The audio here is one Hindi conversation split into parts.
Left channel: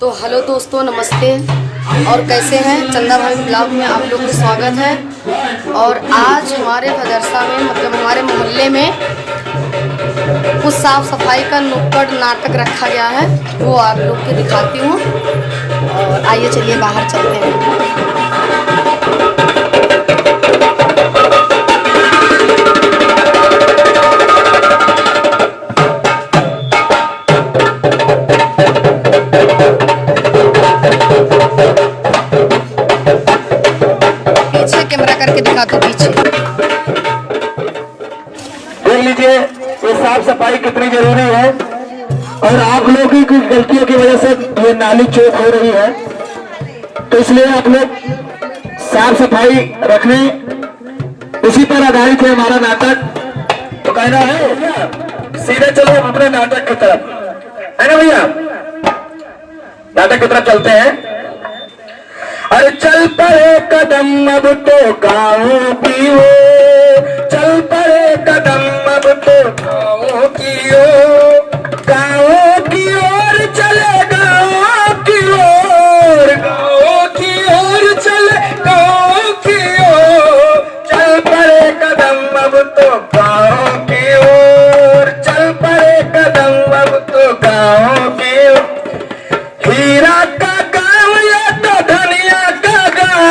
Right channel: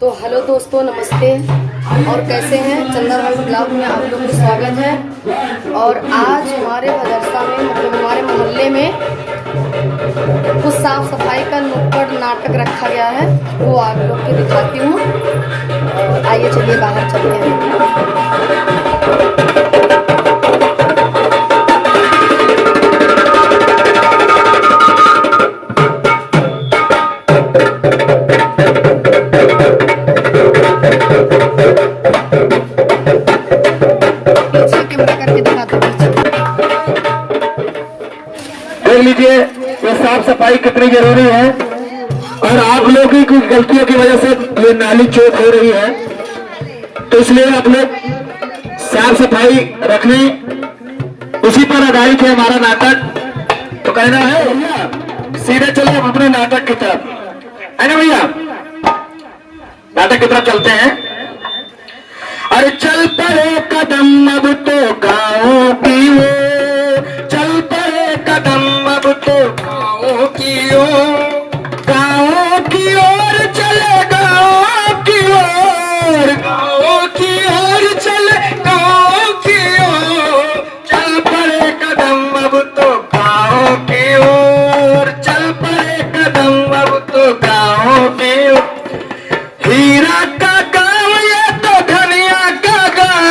तो हेलो दोस्तों, नमस्ते। और कैसे हैं? चंदा भाभी ब्लॉग में आप लोग का स्वागत है। और आज हमारे मदरसा में मतलब हमारे मोहल्ले में कुछ साफ सफाई का नुक्कड़ नाटक रखा गया है, वो आप लोग के दिखाती हूँ। और आइए चलिए बाहर चलते हैं। कैमरा करके दिखा दो पीछे। देख लीजिए ये साफ सफाई कितनी जरूरी है। और आप लोगों की कुछ गलतियों की वजह से ये नाली चौक हो रही है, तो इसलिए आप लोग साफ सफाई रखने, उसी पर आधारित है हमारा नाटक। तो कहना है सीधे चलो अपने नाटक की तरफ, है ना भैया? नाटक की तरफ चलते हैं। अरे चल पड़े कदम अब तो गाँव की ओर, चल पड़े कदम अब तो गाँव की ओर, गाँव की ओर चले गाँव की ओर, गाँव की ओर चले गाँव की ओर, चल पड़े कदम अब तो गाँव की ओर, चल पड़े कदम अब तो गाँव की ओर। हीरा का गाँव ये तो धनिया का गाँव,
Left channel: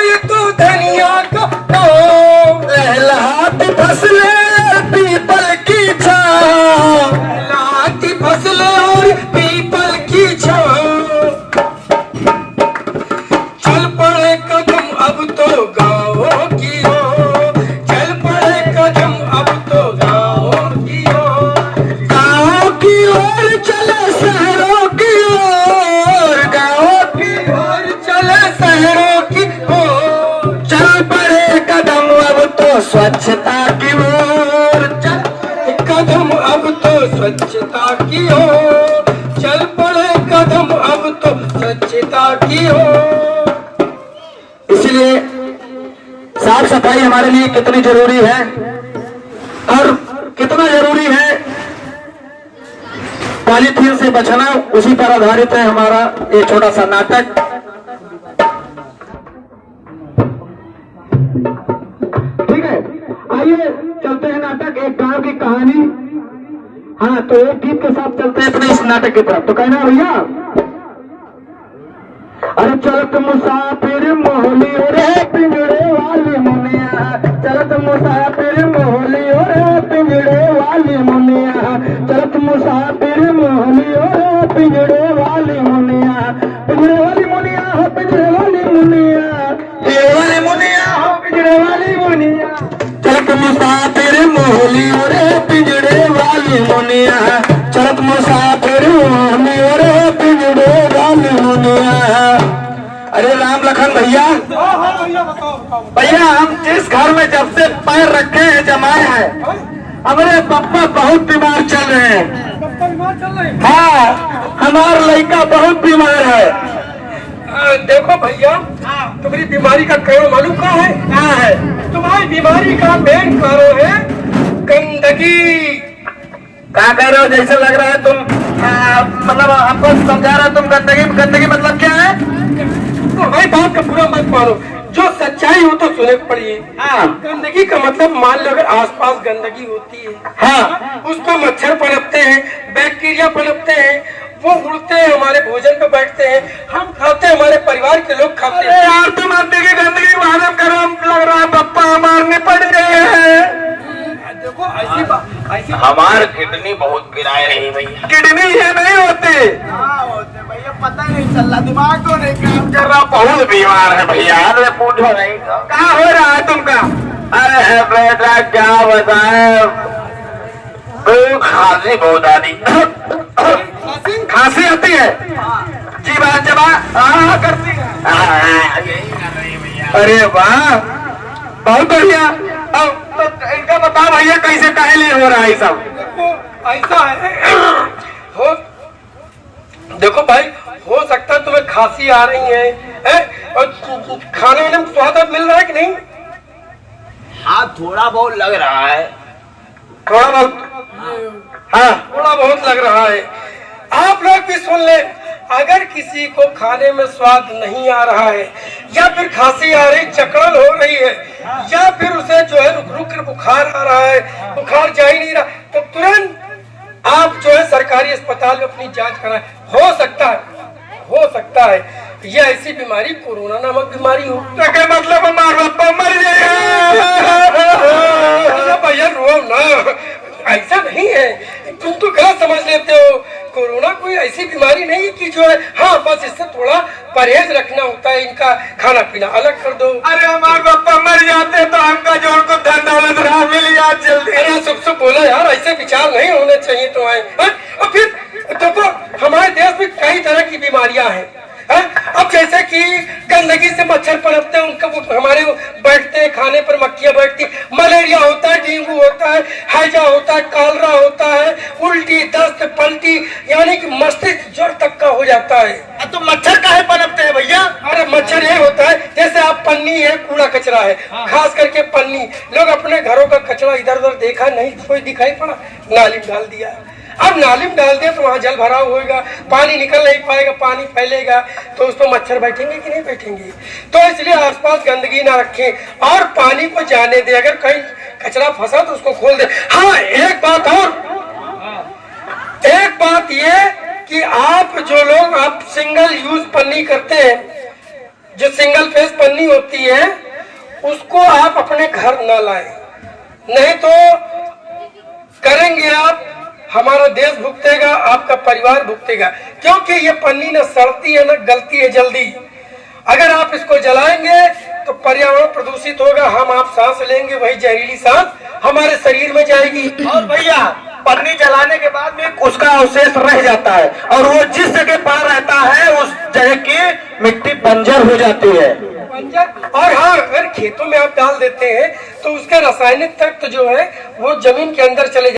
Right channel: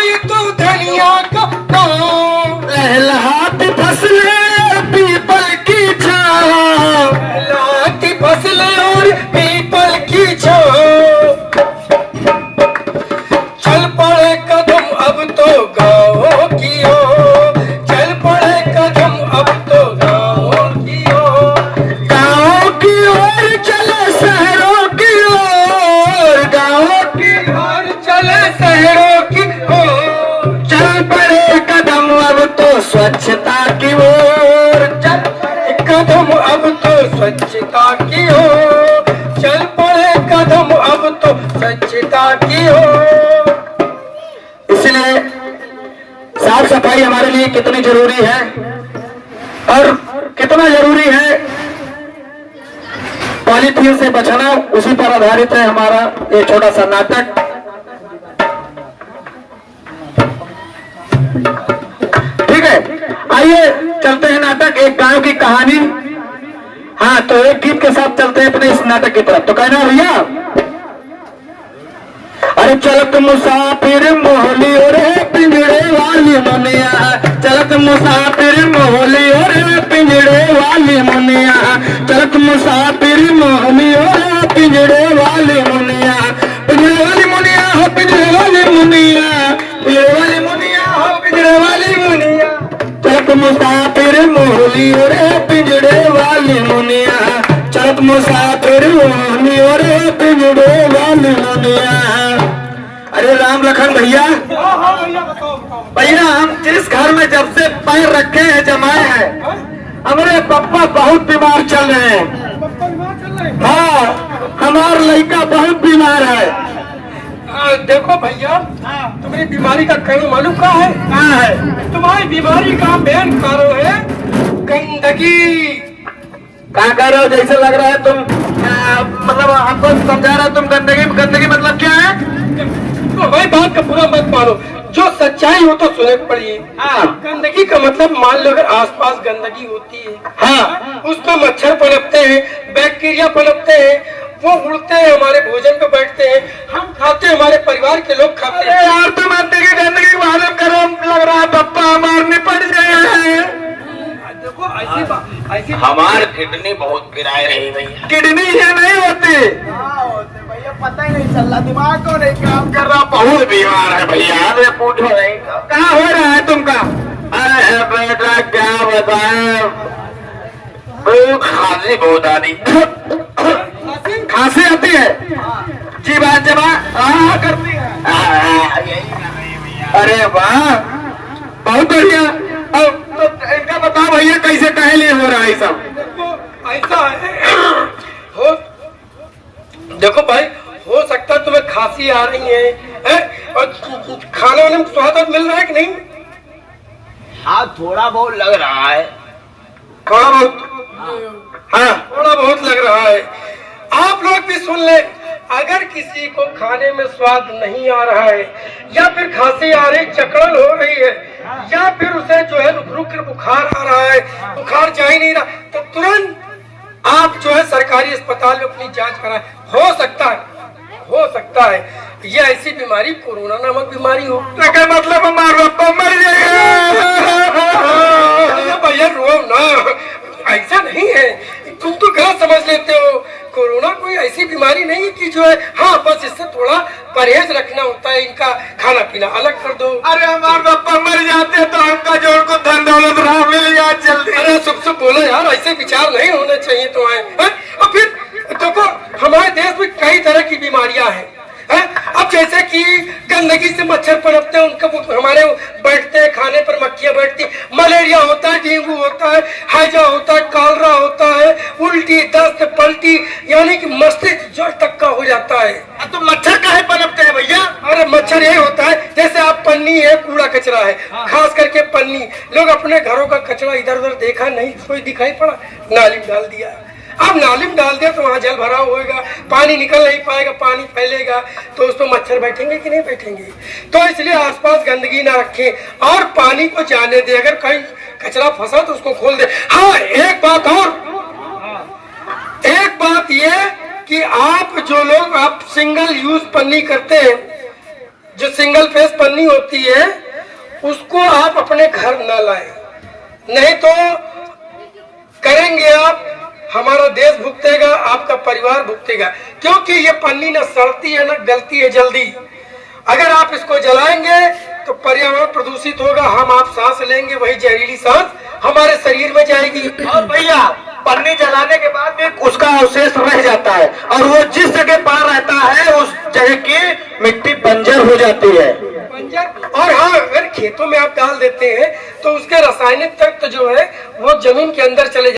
ये तो धनिया का गाँव, लहलाती फसलें पीपल की छाँव, लहलाती फसलें और पीपल की छाँव, चल पड़े कदम अब तो गाँव की ओर, चल पड़े कदम अब तो गाँव की ओर, गाँव की ओर चले शहरों की ओर, गाँव की ओर चले शहरों की ओर, चल पड़े कदम अब तो स्वच्छता की ओर, चल पड़े कदम अब तो स्वच्छता की ओर, चल पड़े कदम अब तो स्वच्छता की ओर। इसलिए साफ सफाई हमारे लिए कितनी जरूरी है और कितना जरूरी है पॉलीथीन से बचना, उसी पर आधारित है हमारा ये छोटा सा नाटक। ठीक है, आइए चलते हैं नाटक एक गांव की कहानी। हाँ, तो एक गीत के साथ चलते हैं अपने इस नाटक की तरफ। तो कहना है भैया, अरे चलत मुसाफिर मोहली और पिंजड़े वाली मुनिया, चलत मुसाफिर मोहली और पिंजड़े वाली मुनिया, चलत मुसाफिर मोहली और पिंजड़े वाली मुनिया, पिंजड़े वाली मुनिया हो पिंजड़े वाली मुनिया, पिंजड़े वाली मुनिया हो पिंजड़े वाली मुनिया, चलत मुसाफिर मोहली और पिंजड़े वाली मुनिया, चलत मुसाफिर मोहली और पिंजड़े वाली मुनिया। अरे राम लखन भैया, भैया हम जिस घर में जब से पैर रखे हैं जमाए हैं, हमारे पापा बहुत बीमार चल रहे हैं। हाँ, हमारा लड़का बहुत बीमार है। देखो भैया, तुम्हारी बीमारी का कारण मालूम क्या है? क्या है? तुम्हारी बीमारी का मेन कारण है गंदगी। क्या कह रहे हो? जैसे लग रहा है तुम मतलब आपको समझा रहे हो तुम गंदगी। गंदगी मतलब क्या है? तो हमारी बात का पूरा मत मानो, जो सच्चाई हो तो सुने पड़िए। हाँ। गंदगी का मतलब मान लो अगर आसपास गंदगी होती है, हाँ, उसमें मच्छर पनपते हैं, बैक्टीरिया पनपते हैं, वो उड़ते हैं, हमारे भोजन पे बैठते हैं, हम खाते हैं, हमारे परिवार के लोग खाते हैं। यार तुम गंदगी गंदगी मालूम करो, लग रहा है पप्पा मारने पड़ गए हैं। देखो ऐसी हमार किडनी बहुत गिराए रही भैया। किडनी ये नहीं होती भैया, पता ही नहीं चल रहा, दिमाग को नहीं काम कर रहा, बहुत बीमार है भैया। अरे पूछो नहीं, क्या हो रहा है तुमका? अरे बेटा क्या बताएं, खांसी बहुत आ रही। खांसी आती है? जी बात जबा हाँ करती है। यही लग रही भैया। अरे वाह, बहुत बढ़िया। अब तो इनका बता भैया कैसे काहे लिए हो रहा है सब? देखो ऐसा है, हो देखो भाई, हो सकता है तुम्हें खांसी आ रही है? और खाने वाने में स्वाद मिल रहा है कि नहीं? हाँ, थोड़ा बहुत लग रहा है। थोड़ा बहुत? हाँ, थोड़ा बहुत लग रहा है। आप लोग भी सुन ले, अगर किसी को खाने में स्वाद नहीं आ रहा है या फिर खांसी आ रही, चकड़न हो रही है या फिर उसे जो है रुक रुक कर बुखार आ रहा है, बुखार जा ही नहीं रहा, तो तुरंत आप जो है सरकारी अस्पताल में अपनी जांच कराएं। हो सकता है ये ऐसी बीमारी कोरोना नामक बीमारी हो। क्या मतलब हमारा बापा मर जाएगा? भैया रो ना, ऐसा नहीं है, तुम तो गलत समझ लेते हो। कोरोना कोई ऐसी बीमारी नहीं है कि जो है, हाँ बस इससे थोड़ा परहेज रखना होता है, इनका खाना पीना अलग कर दो। अरे हमारे पापा मर जाते तो हमका जोड़ को धन दौलत राह मिल जाए जल्दी। अरे सबसे बोला यार, ऐसे विचार नहीं होने चाहिए तुम्हारे। और फिर देखो हमारे देश में कई तरह की बीमारियां हैं। अब जैसे कि गंदगी से मच्छर पनपते हैं, उनका हमारे बैठते हैं, खाने पर मक्खियां बैठती, मलेरिया होता है, डेंगू होता है, हैजा होता है, कॉलरा होता है, उल्टी, दस्त, पलटी, यानी कि मस्तिष्क ज्वर तक का हो जाता है। तो मच्छर काहे पनपते हैं भैया? अरे मच्छर ये होता है, जैसे आप पन्नी है, कूड़ा कचरा है, खास करके पन्नी, लोग अपने घरों का कचरा इधर उधर देखा नहीं, कोई दिखाई पड़ा, नाली में डाल दिया। अब नाली में डाल दिया तो वहाँ जल भराव होएगा, पानी निकल नहीं पाएगा, पानी फैलेगा तो उस पर मच्छर बैठेंगे कि नहीं बैठेंगे। तो इसलिए आसपास गंदगी ना रखें और पानी को जाने दे, अगर कहीं कचरा फंसा तो उसको खोल दे। हाँ एक बात ये कि आप जो लोग आप सिंगल यूज पन्नी करते हैं, जो सिंगल फेस पन्नी होती है, उसको आप अपने घर न लाएं, नहीं तो करेंगे आप, हमारा देश भुगतेगा, आपका परिवार भुगतेगा, क्योंकि ये पन्नी न सड़ती है न गलती है जल्दी। अगर आप इसको जलाएंगे तो पर्यावरण प्रदूषित होगा, हम आप सांस लेंगे, वही जहरीली सांस हमारे शरीर में जाएगी। और भैया पन्नी जलाने के बाद में उसका अवशेष रह जाता है और वो जिस जगह पर रहता है उस जगह की मिट्टी बंजर हो जाती है। और हाँ, अगर खेतों में आप डाल देते हैं तो उसके रासायनिक तत्व जो है वो जमीन के अंदर चले